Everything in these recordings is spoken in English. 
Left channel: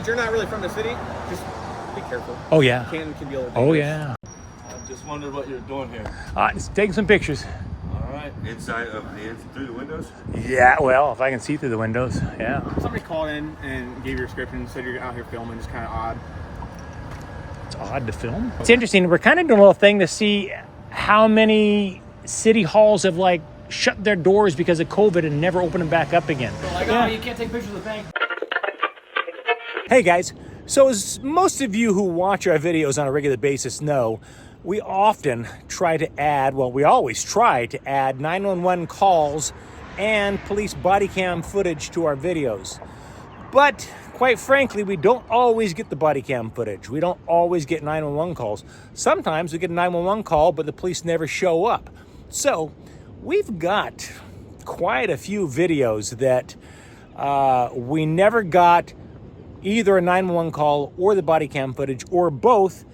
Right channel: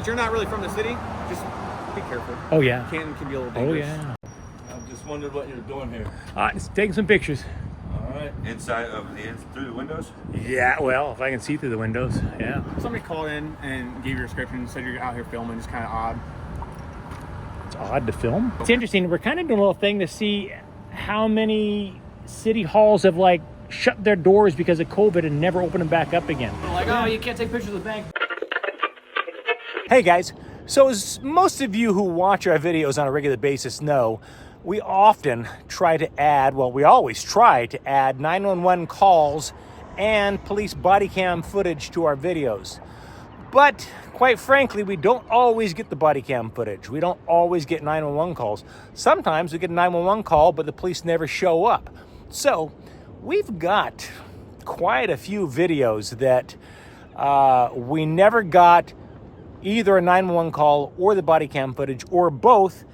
since you're not really from the city, just be careful. Oh yeah. Canton can be a little dangerous. Oh yeah. I just wondered what you're doing here. Just taking some pictures. All right. Inside of through the windows? Yeah, well, if I can see through the windows, yeah. Somebody called in and gave your description, said you're out here filming, just kind of odd. It's odd to film. It's interesting. We're kind of doing a little thing to see how many city halls have like shut their doors because of COVID and never opened them back up again. They're like, oh, you can't take pictures of the bank. Hey guys, so as most of you who watch our videos on a regular basis know, we often try to add, well, we always try to add 911 calls and police body cam footage to our videos. But quite frankly, we don't always get the body cam footage. We don't always get 911 calls. Sometimes we get a 911 call, but the police never show up. So we've got quite a few videos that we never got either a 911 call or the body cam footage or both,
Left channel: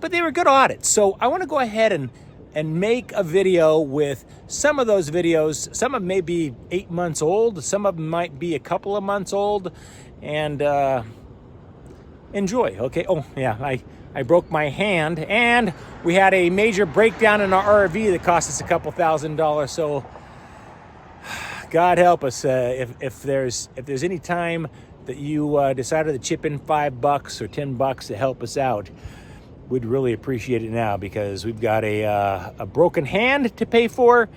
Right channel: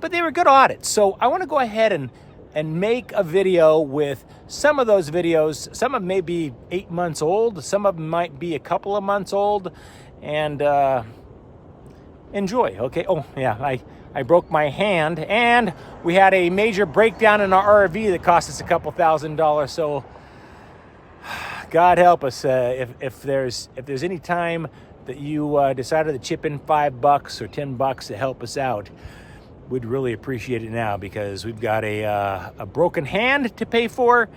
but they were good audits. So I want to go ahead and make a video with some of those videos. Some of them may be 8 months old, some of them might be a couple of months old, and enjoy, okay? Oh yeah, I broke my hand, and we had a major breakdown in our RV that cost us a couple $1,000s. So God help us, if there's any time that you decided to chip in $5 or $10 to help us out, we'd really appreciate it now, because we've got a broken hand to pay for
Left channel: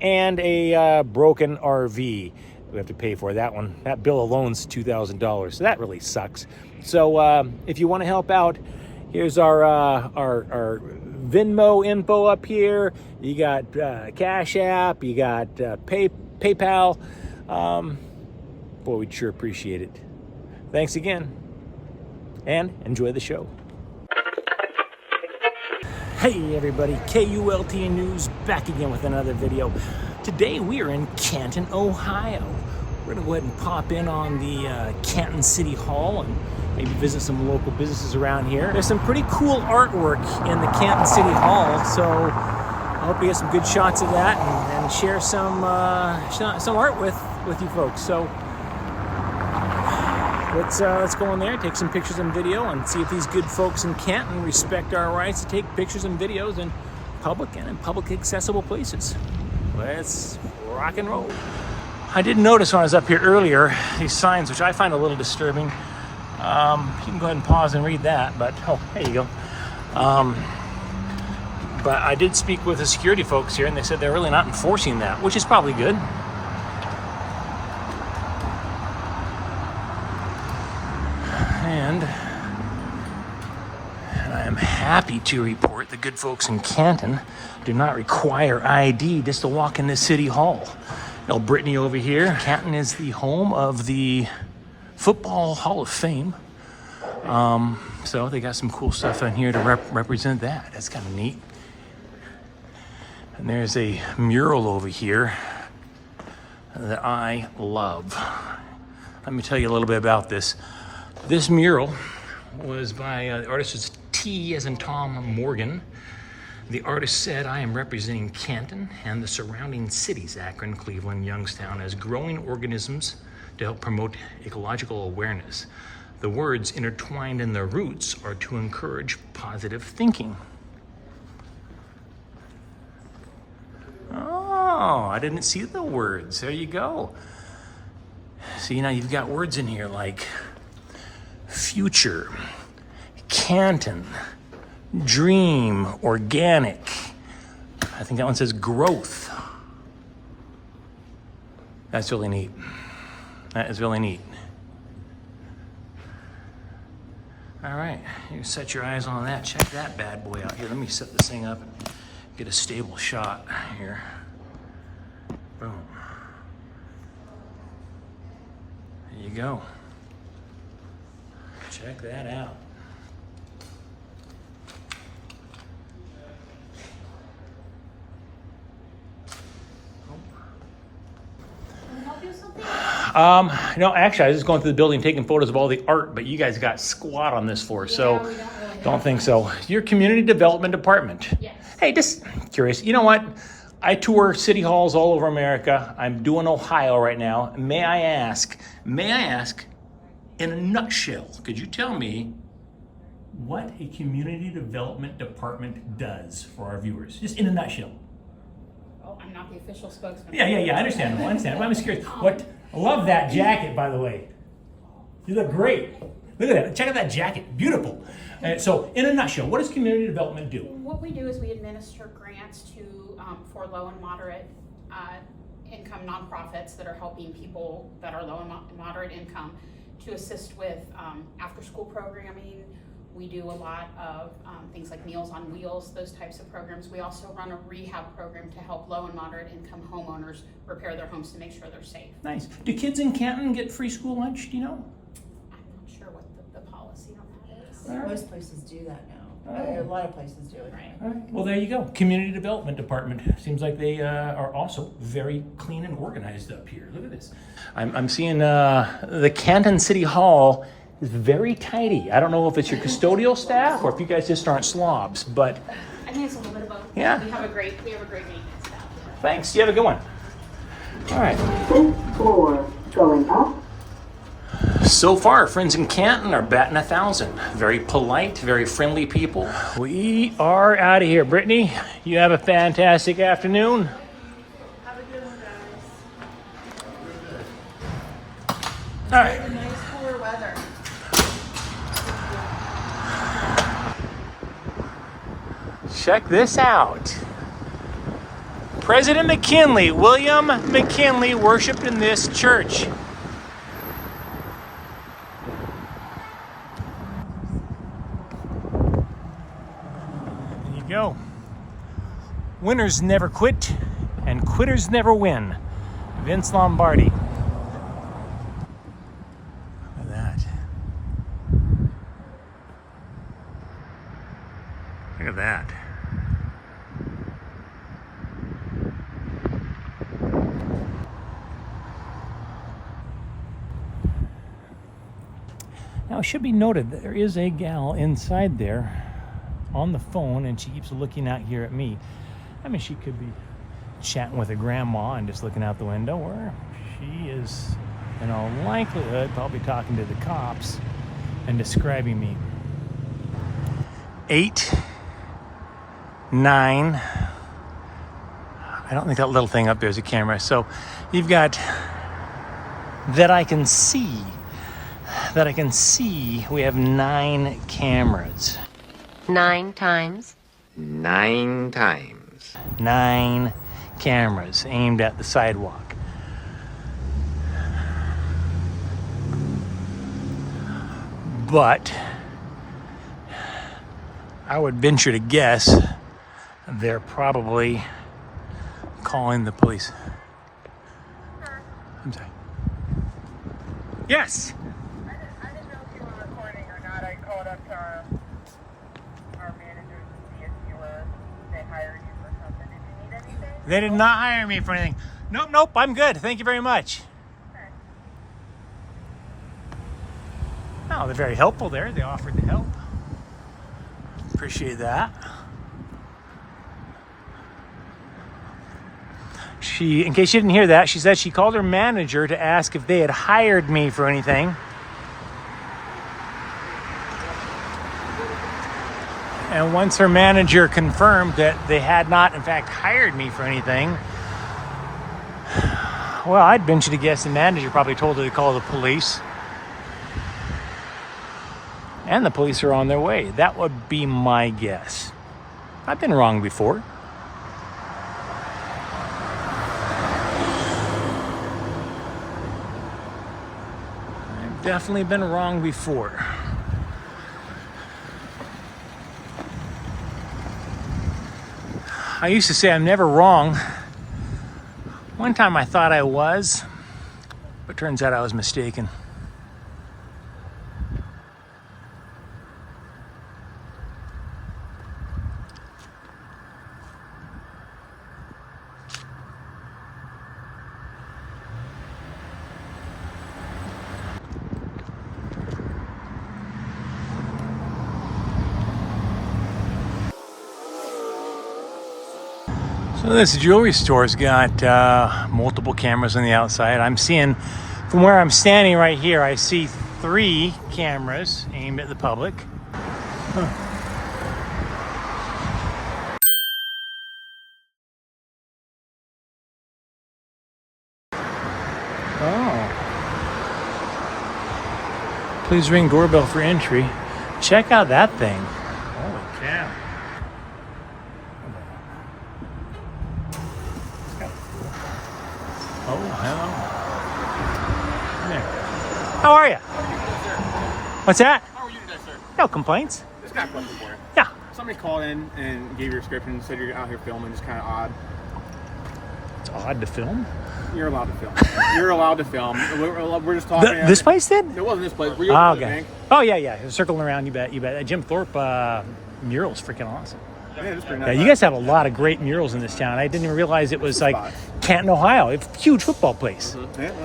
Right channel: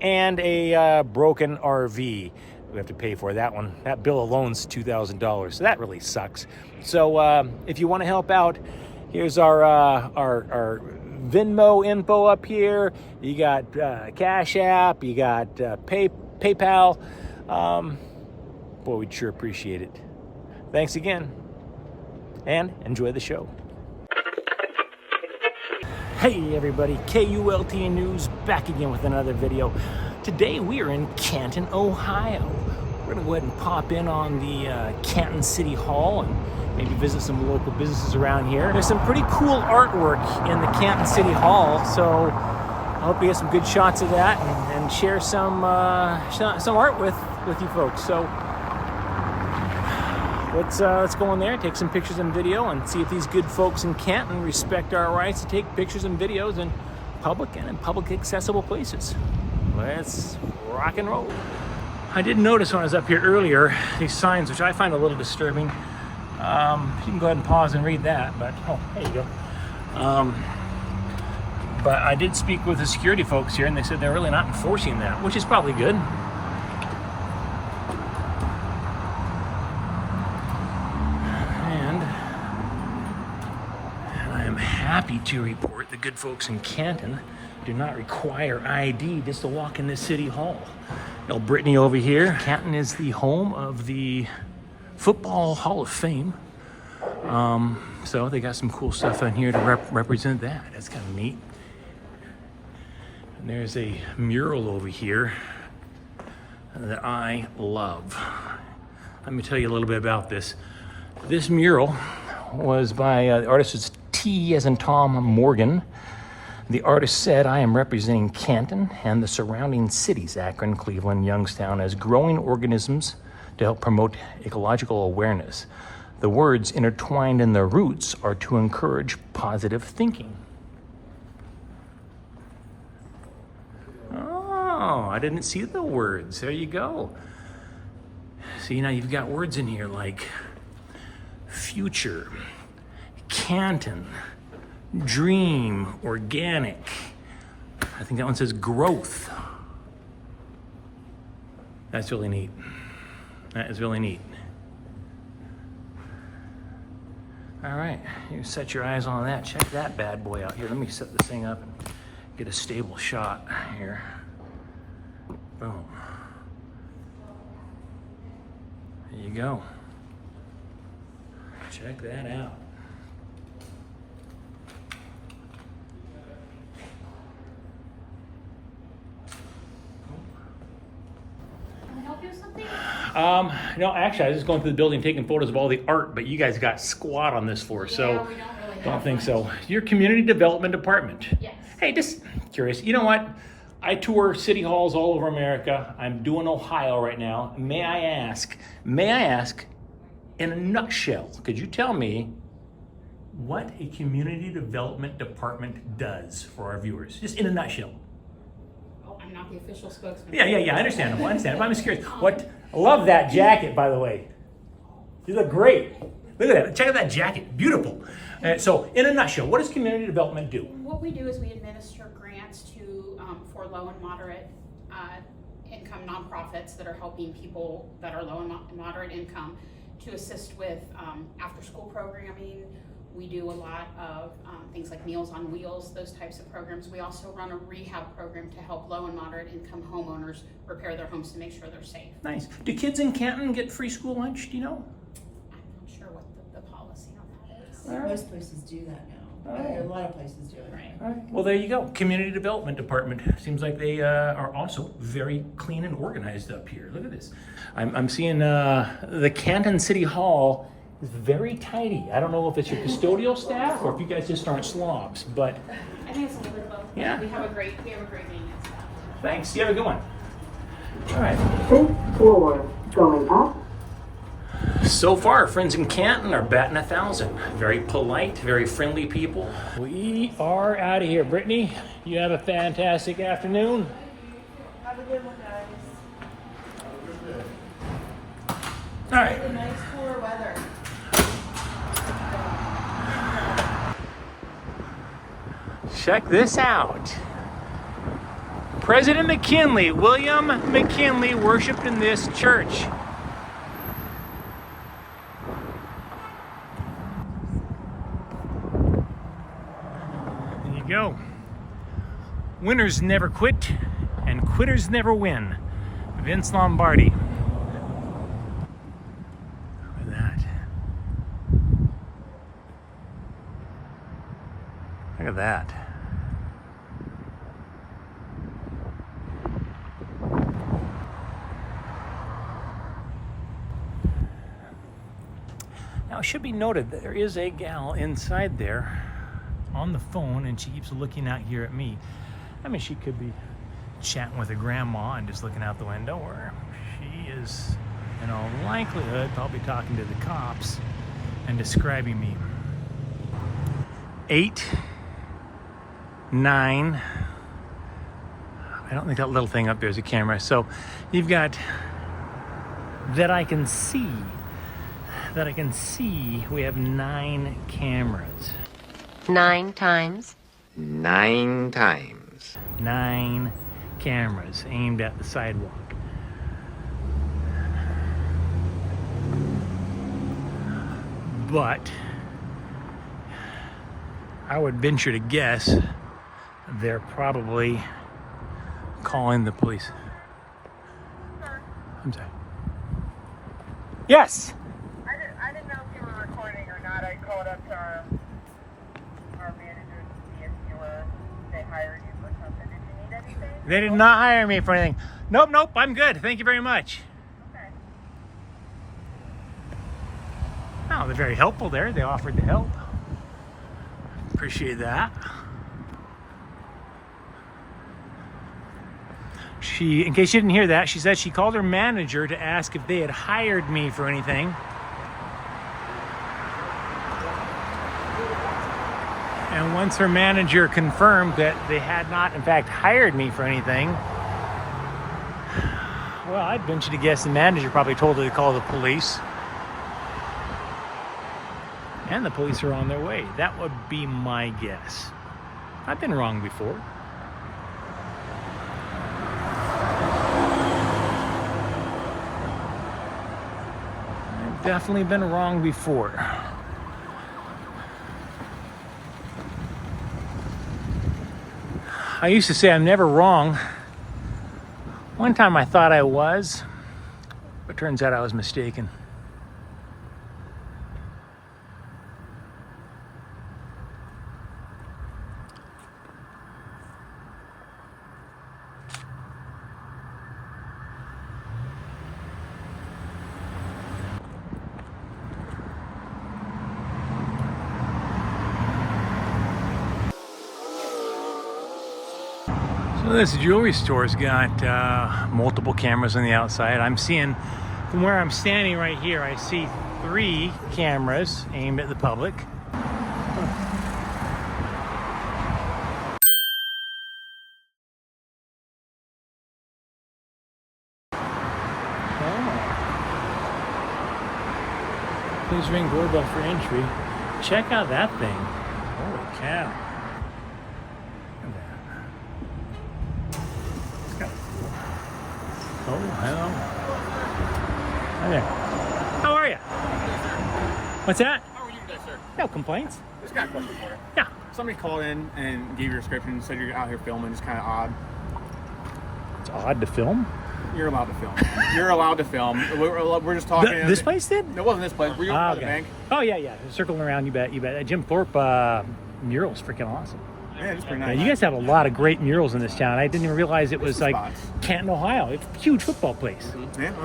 and a broken RV we have to pay for. That one, that bill alone's $2,000, so that really sucks. So if you want to help out, here's our Venmo info up here. You got Cash App, you got PayPal. Boy, we'd sure appreciate it. Thanks again, and enjoy the show. Hey everybody, KULT News back again with another video. Today we are in Canton, Ohio. We're gonna go ahead and pop in on the Canton City Hall and maybe visit some local businesses around here. There's some pretty cool artwork in the Canton City Hall, so I hope you get some good shots of that and share some art with you folks. So let's go in there, take some pictures and video, and see if these good folks in Canton respect our rights to take pictures and videos in public and in public accessible places. Let's rock and roll. I did notice when I was up here earlier, these signs, which I find a little disturbing. You can go ahead and pause and read that, but oh, there you go. But I did speak with the security folks here, and they said they're really not enforcing that, which is probably good. And I am happy to report the good folks in Canton do not require ID just to walk into City Hall. El Brittany over here. Canton is the home of the Football Hall of Fame. So they got some cool stuff in here to represent that. That's kind of neat. And there's a mural over here that I love. Let me tell you a little bit about this. This mural was by the artist is T as in Tom Morgan. The artist said, "I am representing Canton and the surrounding cities, Akron, Cleveland, Youngstown, as growing organisms to help promote ecological awareness. The words intertwined in their roots are to encourage positive thinking." Oh, I didn't see the words. There you go. See, now you've got words in here like future, Canton, dream, organic. I think that one says growth. That's really neat. That is really neat. All right, you set your eyes on that. Check that bad boy out here. Let me set this thing up and get a stable shot here. Boom. There you go. Check that out. No, actually, I was just going through the building taking photos of all the art, but you guys got squat on this for, so we don't really don't think so. Your community development department. Yes. Hey, just curious. You know what? I tour city halls all over America. I'm doing Ohio right now. May I ask, in a nutshell, could you tell me what a community development department does for our viewers? Just in a nutshell. Oh, I'm not the official spokesman. Yeah, I understand. But I'm just curious. Love that jacket, by the way. You look great. Look at that. Check out that jacket. Beautiful. So, in a nutshell, what does community development do? What we do is we administer grants to for low and moderate income nonprofits that are helping people that are low and moderate income to assist with after-school programming. We do a lot of things like Meals on Wheels, those types of programs. We also run a rehab program to help low and moderate income homeowners repair their homes to make sure they're safe. Nice. Do kids in Canton get free school lunch? Do you know? I'm not sure what the policy on that is. Most places do that now. A lot of places do it. Right. All right. Well, there you go. Community Development Department. Seems like they are also very clean and organized up here. Look at this. I'm seeing the Canton City Hall is very tidy. I don't know if it's your custodial staff or if you guys just aren't slobs, but I think it's a little bit of both. Yeah. We have a great maintenance staff. thanks. You have a good one. All right. 5th floor, going up. So far, friends in Canton are batting 1,000. Very polite, very friendly people. We are out of here. Brittany, you have a fantastic afternoon. Have a good one, guys. All right. Nice cooler weather. Check this out. President McKinley, William McKinley, worshiped in this church. There you go. Winners never quit, and quitters never win. Vince Lombardi. Look at that. Look at that. Now, it should be noted that there is a gal inside there on the phone, and she keeps looking out here at me. I mean, she could be chatting with her grandma and just looking out the window, or she is, in all likelihood, probably talking to the cops and describing me. 8, 9. I don't think that little thing up there is a camera. So you've got that I can see. We have 9 cameras. 9 times. 9 times. 9 cameras aimed at the sidewalk. But I would venture to guess they're probably calling the police. I'm sorry. Yes. I didn't know if you were recording or not. I called up to our managers to see if they hired you for something. Did you need anything? They did not hire me for anything. Nope, I'm good. Thank you very much. Okay. Oh, they're very helpful there. They offered to help. Appreciate that. In case you didn't hear that, she said she called her manager to ask if they had hired me for anything. And once her manager confirmed that they had not, in fact, hired me for anything, well, I'd venture to guess the manager probably told her to call the police. And the police are on their way. That would be my guess. I've been wrong before. I've definitely been wrong before. I used to say I'm never wrong. One time I thought I was, but turns out I was mistaken. So this jewelry store's got multiple cameras on the outside. I'm seeing, from where I'm standing right here, I see 3 cameras aimed at the public. Please ring doorbell for entry. Check out that thing. Holy cow. Oh, hello. Hi there. How are you? What's that? How are you today, sir? No complaints. Just got a question for you. Yeah. Somebody called in and gave your description, said you're out here filming, just kind of odd. It's odd to film. You're allowed to film. You're allowed to film. We're just talking. This place did? It wasn't this place. Were you at the bank? Oh, yeah. Circling around, you bet. That Jim Thorpe mural's freaking awesome. Yeah, it's pretty nice. Yeah, you guys have a lot of great murals in this town. I didn't even realize it was like Canton, Ohio. It's a huge football place.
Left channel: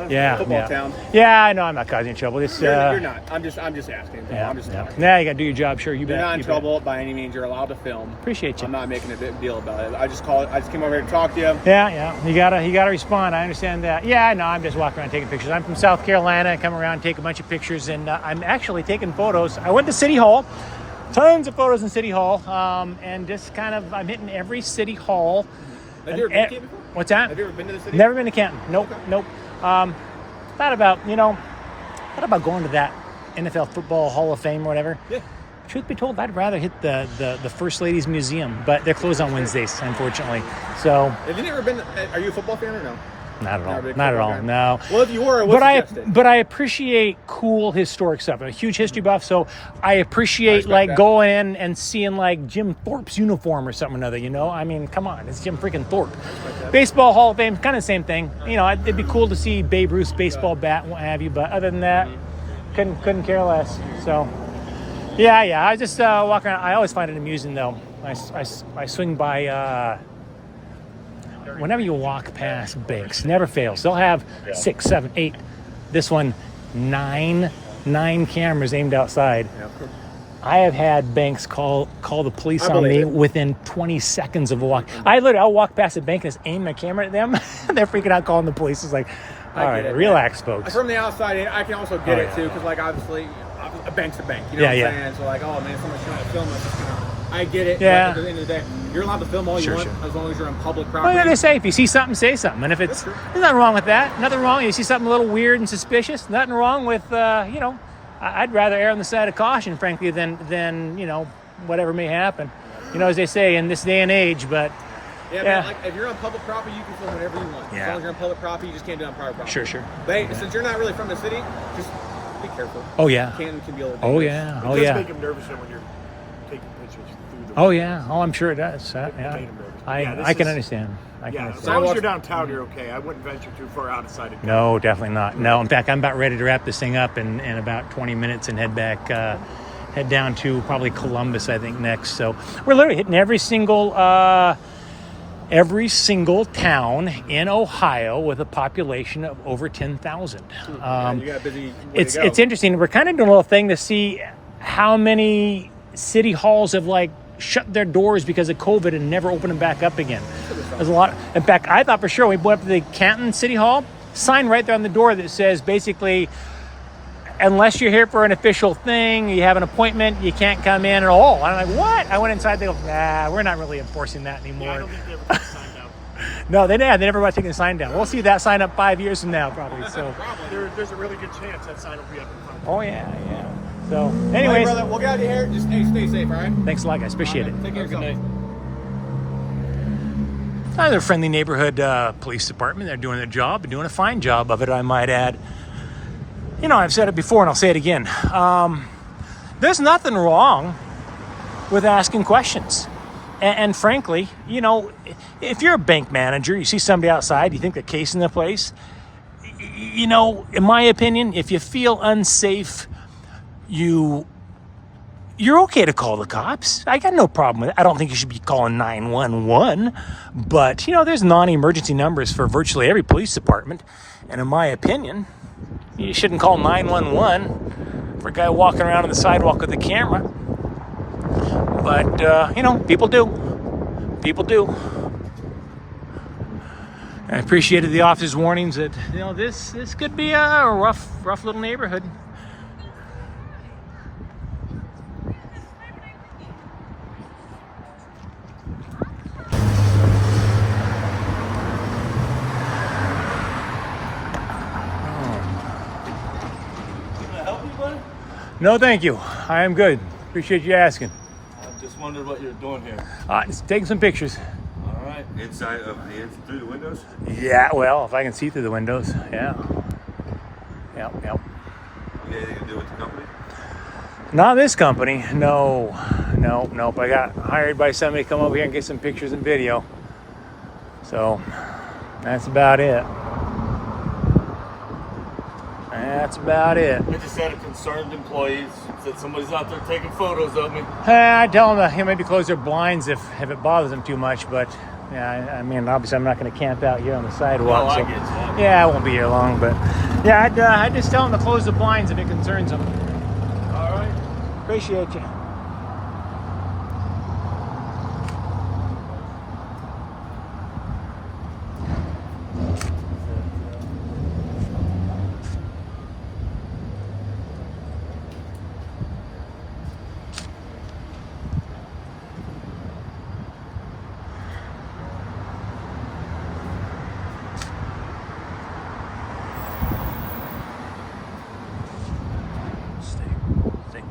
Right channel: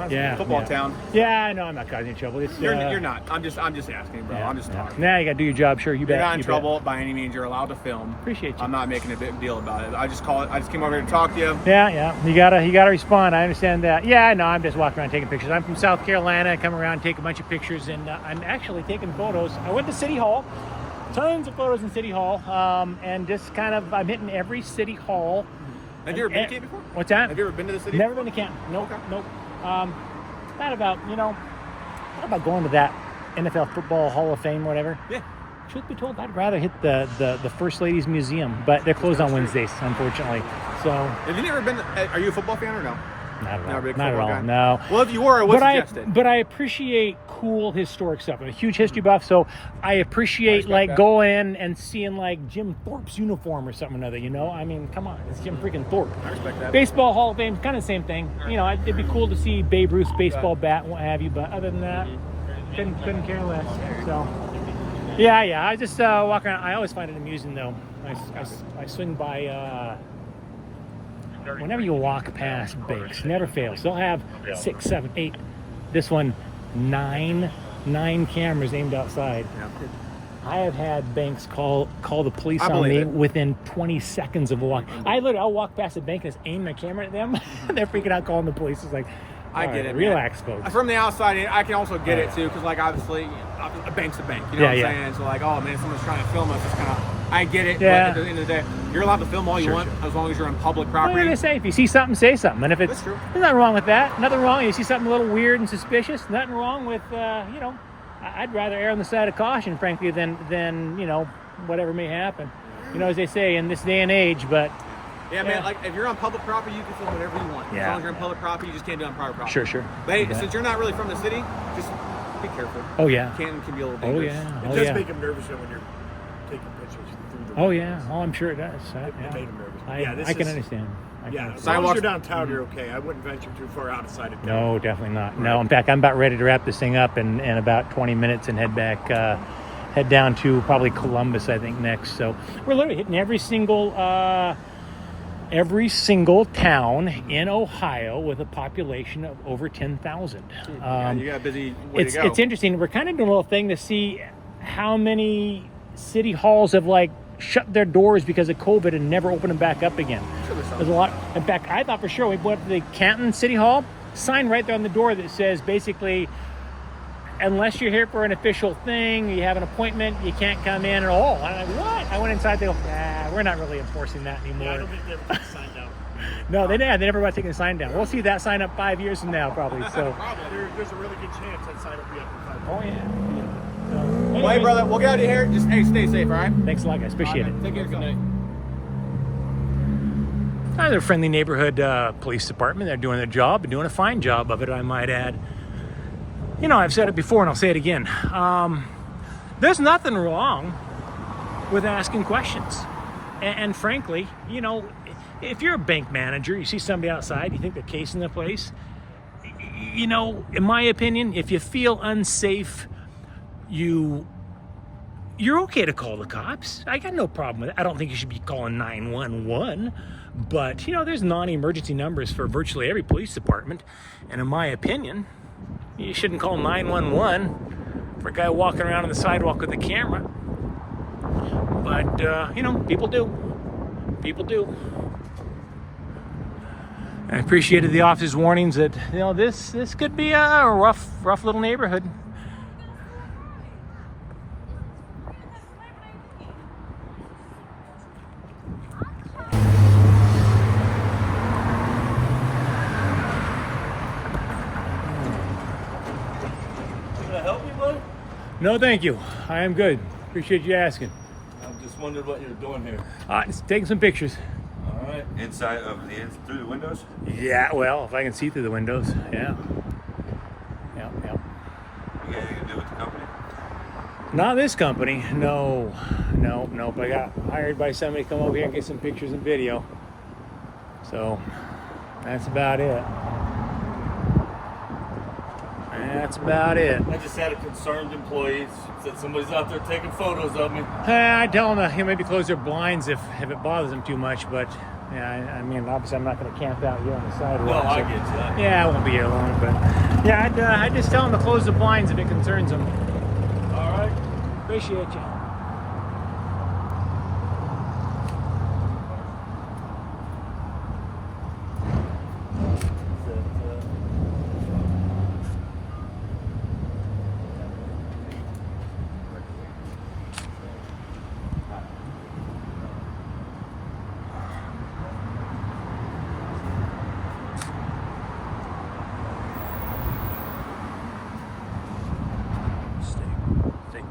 Yeah, football town. Yeah, I know. I'm not causing trouble. You're not. I'm just asking, bro. I'm just talking. Yeah, you got to do your job. Sure, you bet. You're not in trouble by any means. You're allowed to film. Appreciate you. I'm not making a big deal about it. I just came over here to talk to you. Yeah. You gotta respond. I understand that. Yeah, no, I'm just walking around taking pictures. I'm from South Carolina. I come around, take a bunch of pictures, and I'm actually taking photos. I went to City Hall. Tons of photos in City Hall, and just kind of, I'm hitting every City Hall. Have you ever been to Canton before? What's that? Have you ever been to the city? Never been to Canton. Nope. Thought about going to that NFL Football Hall of Fame or whatever. Yeah. Truth be told, I'd rather hit the First Ladies Museum, but they're closed on Wednesdays, unfortunately. So. Have you ever been? Are you a football fan or no? Not at all. Not Not at all. guy. No. Well, if you were, it was suggested. But I appreciate cool historic stuff. I'm a huge history buff, so I appreciate going in and seeing like Jim Thorpe's uniform or something or another. You know, I mean, come on, it's Jim freaking Thorpe. Baseball Hall of Fame, kind of the same thing. You know, it'd be cool to see Babe Ruth's baseball bat and what have you. But other than that, couldn't care less. So. Yeah. I just walk around. I always find it amusing though. I swing by. Whenever you walk past banks, never fails. They'll have 6, 7, 8. This one, 9 cameras aimed outside. Yep. I have had banks call the police on me within 20 seconds of a walk. I'll walk past a bank and just aim my camera at them. They're freaking out calling the police. It's like, all right, relax, folks. From the outside, I can also get it too, because like obviously, a bank's a bank. You know what I'm saying? So like, oh man, someone's trying to film us. It's kind of. I get it. Yeah. But at the end of the day, you're allowed to film all you want as long as you're on public property. Well, they say if you see something, say something. And if there's nothing wrong with that. Nothing wrong. You see something a little weird and suspicious. Nothing wrong with I'd rather err on the side of caution, frankly, than whatever may happen. You know, as they say in this day and age. But man, like if you're on public property, you can film whatever you want. Yeah. As long as you're on public property, you just can't do it on private property. Sure. But hey, since you're not really from the city, just be careful. Oh yeah. Canton can be a little dangerous. It does make them nervous when you're taking pictures through the Oh yeah. Oh, I'm sure it does. It made them nervous. I can understand. As long as you're downtown, you're okay. I wouldn't venture too far outside of town. No, definitely not. No, in fact, I'm about ready to wrap this thing up in about 20 minutes and head down to probably Columbus, I think, next. So we're literally hitting every single town in Ohio with a population of over 10,000. You got a busy way to go. It's interesting. We're kind of doing a little thing to see how many city halls have shut their doors because of COVID and never opened them back up again. There's a lot. In fact, I thought for sure we went up to the Canton City Hall, sign right there on the door that says basically, unless you're here for an official thing, you have an appointment, you can't come in at all. I'm like, what? I went inside, they go, nah, we're not really enforcing that anymore. Yeah, I don't think they ever took the sign down. No, they never want to take the sign down. We'll see that sign up 5 years from now, probably. So there's a really good chance that sign will be up in 5 years. Oh yeah. So, anyways, right, brother, we'll get out of here. Just stay safe, all right? Thanks a lot, guys. Appreciate it. Take care of yourself. They're a friendly neighborhood police department. They're doing their job and doing a fine job of it, I might add. You know, I've said it before and I'll say it again. There's nothing wrong with asking questions. And frankly, you know, if you're a bank manager, you see somebody outside, you think they're casing the place, you know, in my opinion, if you feel unsafe, you're okay to call the cops. I got no problem with it. I don't think you should be calling 911, but you know, there's non-emergency numbers for virtually every police department. And in my opinion, you shouldn't call 911 for a guy walking around on the sidewalk with a camera. But, you know, people do. I appreciated the officer's warnings that, you know, this could be a rough little neighborhood. anybody? No, thank you. I am good. Appreciate you asking. I'm just wondering what you're doing here. Just taking some pictures. All right. Inside of the through the windows? Yeah, well, if I can see through the windows, yeah. Yep. You got anything to do with the company? Not this company. No. Nope. I got hired by somebody to come over here and get some pictures and video. So, that's about it. That's about it. I just had a concerned employee said somebody's out there taking photos of me. I tell them to maybe close their blinds if it bothers them too much, but yeah, I mean, obviously I'm not going to camp out here on the sidewalk. No, I so, get you. yeah, I won't be here long, but yeah, I'd just tell them to close the blinds if it concerns them. All right. Appreciate you. Stay.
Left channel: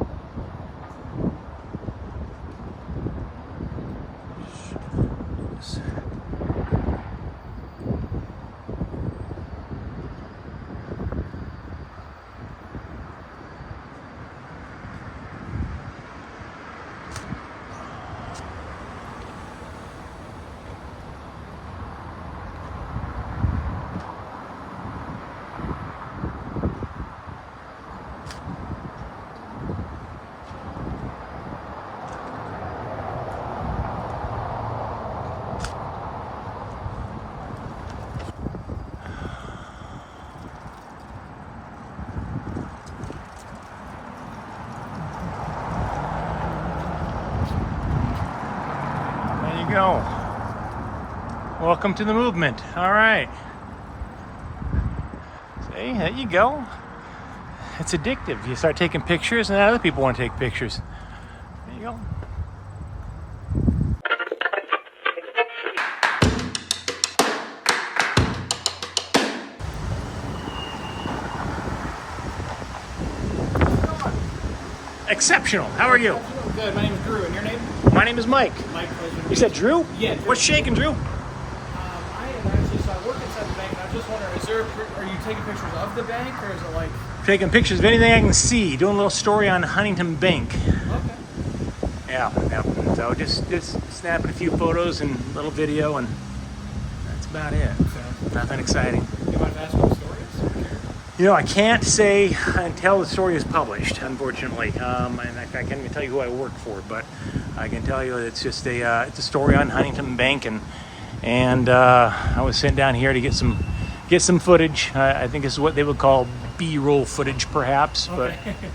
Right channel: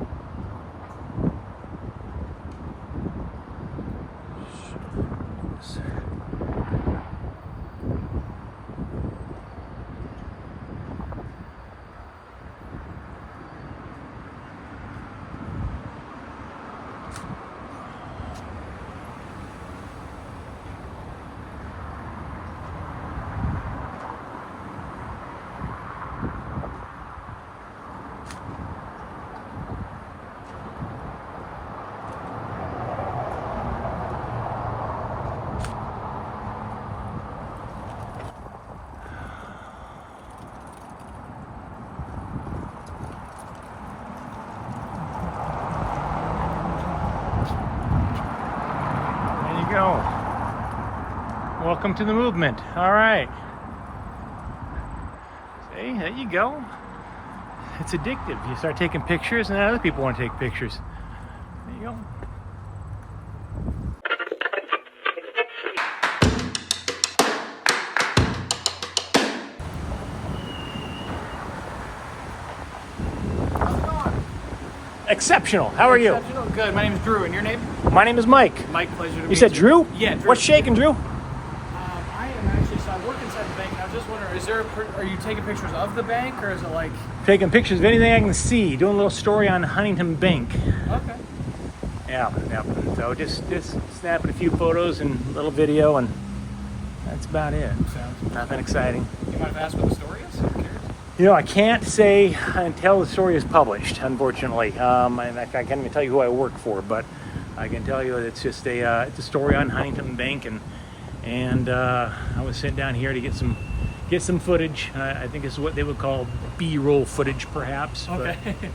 There you go. Welcome to the movement. All right. See, there you go. It's addictive. You start taking pictures and other people want to take pictures. There you go. Exceptional. How are you? Good. My name is Drew, and your name? My name is Mike. Mike, pleasure to meet You said Drew? Yeah, Drew. What's shaking, Drew? I am actually, so I work inside the bank, and I was just wondering, are you taking pictures of the bank, or is it like... Taking pictures of anything I can see. Doing a little story on Huntington Bank. Okay. Yeah. So just snapping a few photos and a little video, and that's about it. Nothing exciting. You mind if I ask what the story is? I'm curious. You know, I can't say until the story is published, unfortunately. And I can't even tell you who I work for, but I can tell you it's just it's a story on Huntington Bank, and I was sent down here to get some footage. I think it's what they would call B-roll footage, perhaps. Okay. But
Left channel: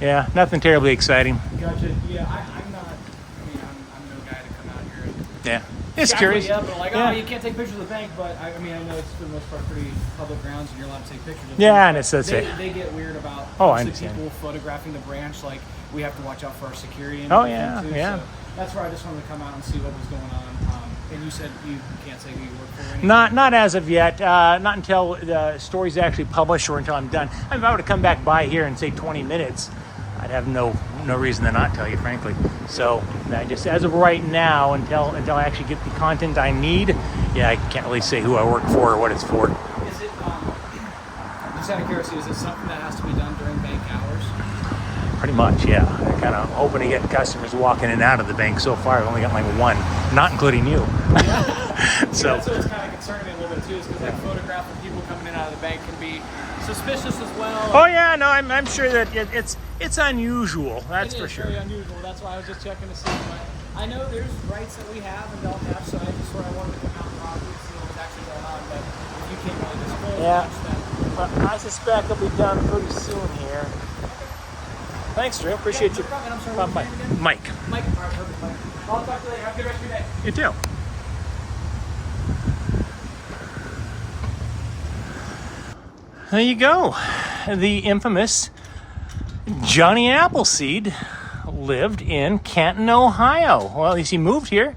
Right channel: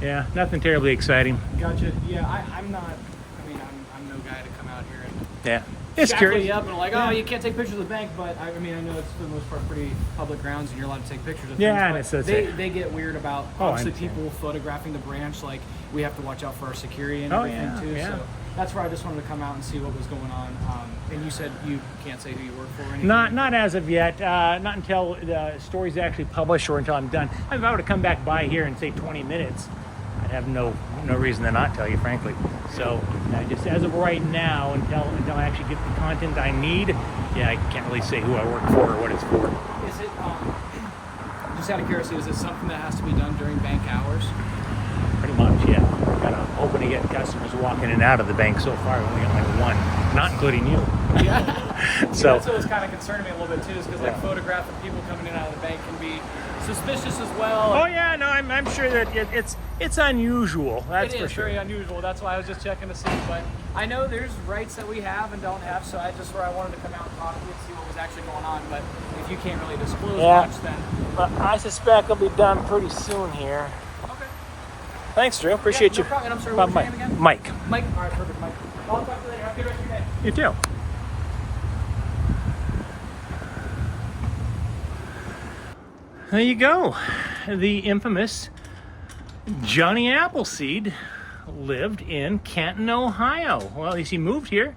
yeah, nothing terribly exciting. Gotcha. Yeah, I'm not. I mean, I'm no guy to come out here and. Yeah, just shackle curious. you up and like, oh, you can't take pictures of the bank, but I mean, I know it's for the most part pretty public grounds, and you're allowed to take pictures of Yeah, things, and it's they get weird about I obviously understand. people photographing the branch. Like, we have to watch out for our security and Oh, everything too. yeah. So that's where I just wanted to come out and see what was going on. And you said you can't say who you work for or anything? Not as of yet. Not until the story's actually published or until I'm done. I mean, if I were to come back by here and say 20 minutes, I'd have no reason to not tell you, frankly. So just as of right now, until I actually get the content I need, yeah, I can't really say who I work for or what it's for. Is it, just out of curiosity, is it something that has to be done during bank hours? Pretty much, yeah. Kind of hoping to get customers walking in and out of the bank. So far, I've only got like one, not including you. Yeah. So that's what was kind of concerning me a little bit too, is because like photographing people coming in and out of the bank can be suspicious as well. Oh yeah, no, I'm sure that it's unusual. That's for sure. Very unusual. That's why I was just checking to see. But I know there's rights that we have and don't have, so I wanted to come out and talk to you and see what was actually going on. But if you can't really disclose much, then I suspect it'll be done pretty soon here. okay. Thanks, Drew. Appreciate you. No problem. And I'm sorry, what was your name again? Mike. Mike. All right, perfect, Mike. I'll talk to you later. Have a good rest of your day. You too. There you go. The infamous Johnny Appleseed lived in Canton, Ohio. Well, at least he moved here.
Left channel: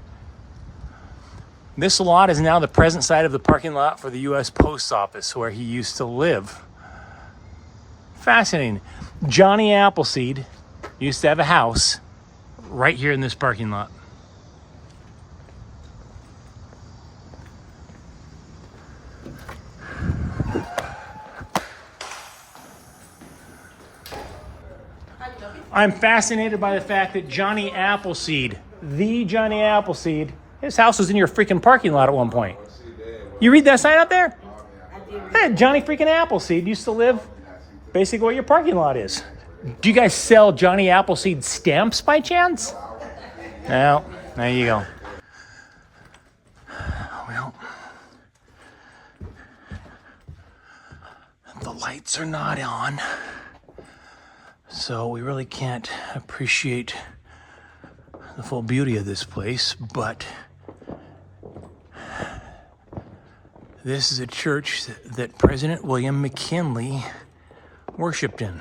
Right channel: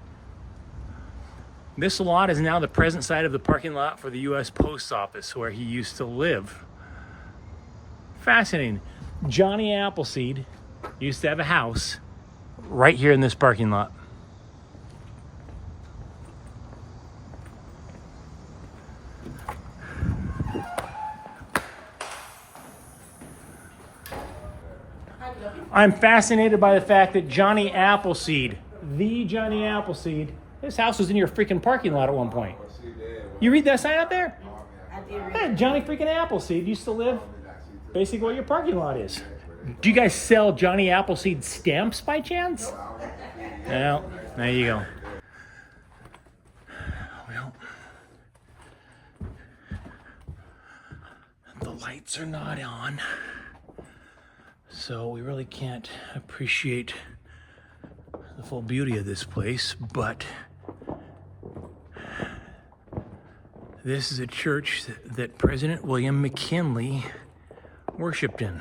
This lot is now the present site of the parking lot for the U.S. Post Office, where he used to live. Fascinating. Johnny Appleseed used to have a house right here in this parking lot. I'm fascinated by the fact that Johnny Appleseed, the Johnny Appleseed, his house was in your freaking parking lot at one point. You read that sign out there? Hey, Johnny freaking Appleseed used to live basically where your parking lot is. Do you guys sell Johnny Appleseed stamps by chance? No, there you go. Well, the lights are not on, so we really can't appreciate the full beauty of this place, but this is a church that President William McKinley worshiped in.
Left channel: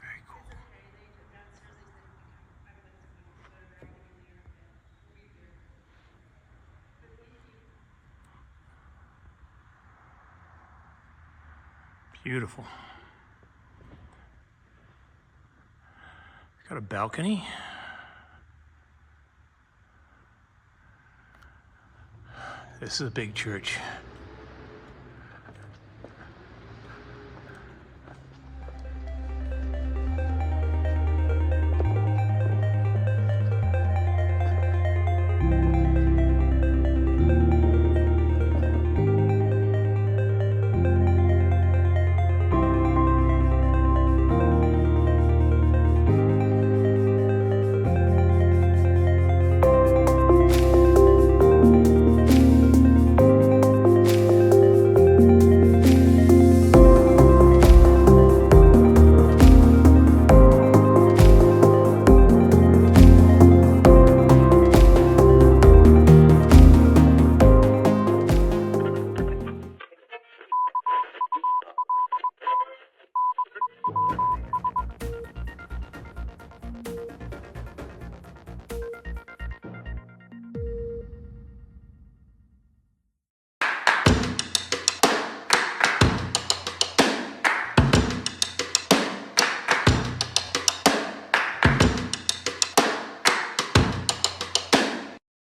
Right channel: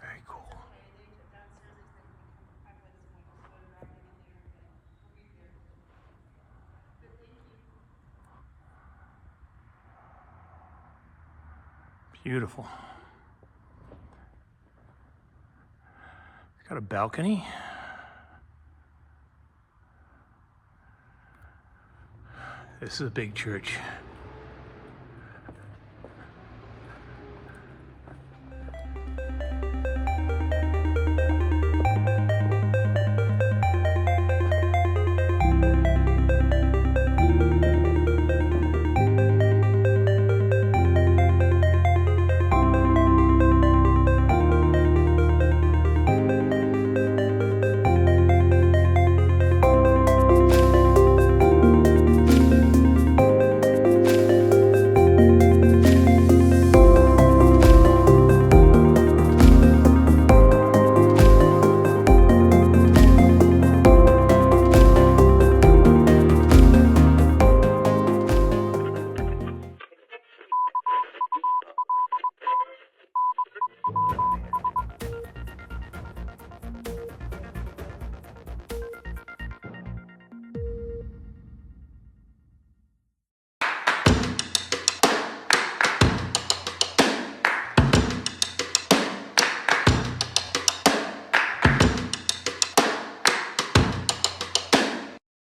Very cool. Beautiful. Got a balcony. This is a big church.